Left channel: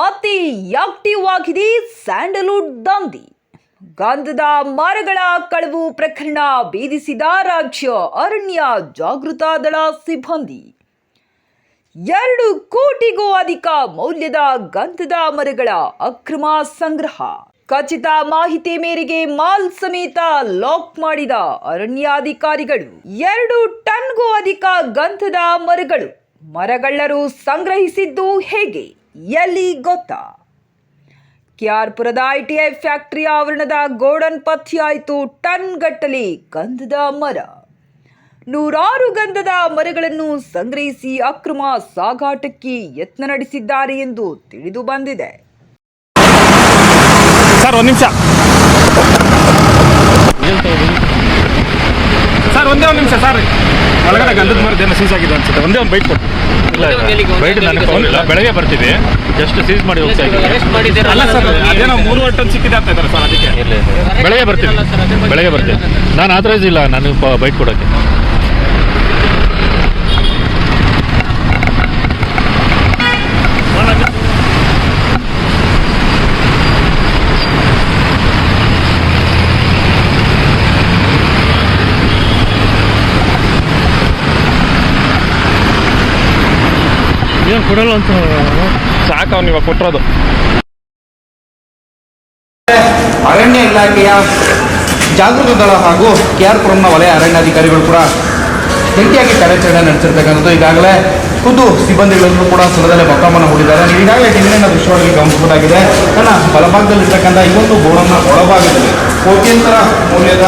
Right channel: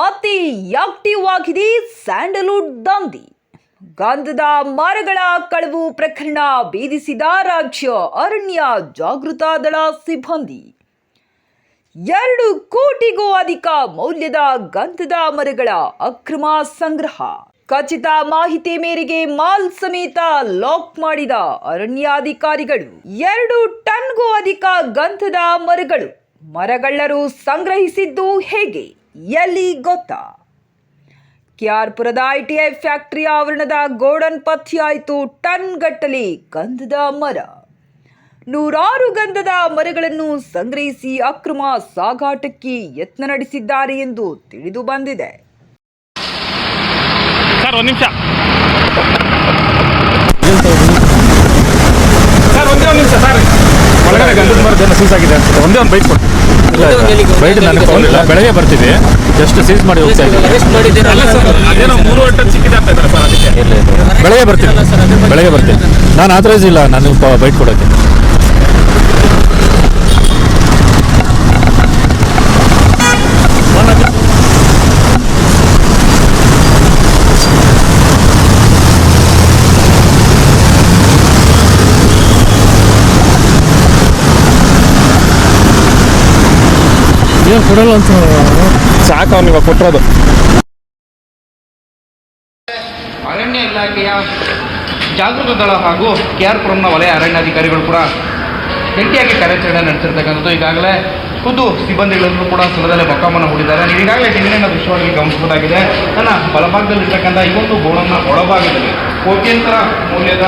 Active ಆಗಿದೆ Sandalwood ದಂಧಿ ಗಂಧದ ಮರಗಳ ಕಳವು ಪ್ರಕರಣ ಭೇದಿಸಿದ ರಾಜ್ಯ ಅರಣ್ಯ ಜಾಗೃತ ದಳ ಸಿಬ್ಬಂದಿ. ಎರಡು ಕೋಟಿಗೂ ಅಧಿಕ ಮೌಲ್ಯದ ಗಂಧದ ಮರಗಳ ಅಕ್ರಮ ಸಂಗ್ರಹ. ಖಚಿತ ಮಾಹಿತಿ ಮೇರೆಗೆ ಮಾಲ್ ಸಮೇತ ಲಾಕ್ ಮಾಡಿದ ಅರಣ್ಯಾಧಿಕಾರಿಗಳು. ಎರಡು ಟನ್ಗೂ ಅಧಿಕ ಗಂಧದ ಮರಗಳು ಮರಗಳ್ಳರು ಸಂಗ್ರಹಿಸಿದ್ದು ಹೇಗೆ? ಎಲ್ಲಿ ಗೊತ್ತಾ ಟಿ ಐ ಫ್ಯಾಕ್ಟರಿ ಆವರಣದ ಗೋಡನ್ ಪಥ್ಯಾಯಿತು ಟನ್ ಗಟ್ಟಲೆ ಗಂಧದ ಮರ. ನೂರಾರು ಗಂಧದ ಮರಗಳನ್ನು ಸಂಗ್ರಹಿಸಿ ಅಕ್ರಮ ಸಾಗಾಟಕ್ಕೆ ಯತ್ನ ನಡೆಸಿದ್ದಾರೆ ಎಂದು ತಿಳಿದು ಬಂದಿದೆ. ಸರ್, ಒಂದು ನಿಮಿಷ. ಒಳಗಡೆ ಗಂಧದ ಮರದೇನ ಸೀಸ್ ಆಗಿದೆ. ಅನ್ಸುತ್ತೆ. ಒಂದೇ ಒಂದು ಬೈಕ್ ಬೆಳಗ್ಗೆ ಬರ್ತೀವಿ. ಎಷ್ಟು ಸೀಸ್ ಮಾಡಿ ಅಲ್ಲ ಸರ್ ಅದೇನೋ ಟನ್ ಸಿಕ್ಕಿದೆ ಅಂತ ಇದ್ದಾರೆ ಸರ್ ಅದಕ್ಕೆ. ಬೆಳಗ್ಗೆ ಬರ್ತೀನಿ ಬೆಳಗ್ಗೆ ಬರ್ತೀನಿ ನಾನು ಆಥರೈಸ್ ಇಲ್ಲ ನಾನು ಬೈಟ್ ಕೊಡೋಕ್ಕೆ. ಕೊಡಲ್ಲ ಅಂತ ಸಾಕು ಅವನಿಗೆ ಕೊಟ್ಟಿರೋದು ಅರಣ್ಯ ಇಲಾಖೆಯ ಜಾಗೃತ ದಳ ಹಾಗೂ ಕೆ ಆರ್ ಪುರಂನ ವಲಯ ಅರಣ್ಯಾಧಿಕಾರಿಗಳು ಕೂಡ ಜಂಟಿಯಾಗಿ ಕಾರ್ಯಾಚರಣೆ ನಡೆಸಿರ್ತಕ್ಕಂಥದ್ದು. ಈಗಾಗಲೇ ಖುದ್ದು ಸಿಬ್ಬಂದಿಗಳನ್ನು ಕೂಡ ಸ್ಥಳದಲ್ಲೇ ಮೊತ್ತವನ್ನು ಹೂಡಿದ್ದಾರೆ ನೀವು ಈಗಾಗಲೇ ಹಿಂದಿನ ದೃಶ್ಯವಾಗಿ ಗಮನಿಸಬಹುದಾಗಿದೆ. ನನ್ನ ಬಲಭಾಗದಲ್ಲಿರ್ತಕ್ಕಂಥ ಇನ್ನೊಂದು ಬೋರ್ಡನ್ನು ಒಳಭಾಗದಲ್ಲಿ ಕೋಟ್ಯಂತರ ಮೌಲ್ಯದ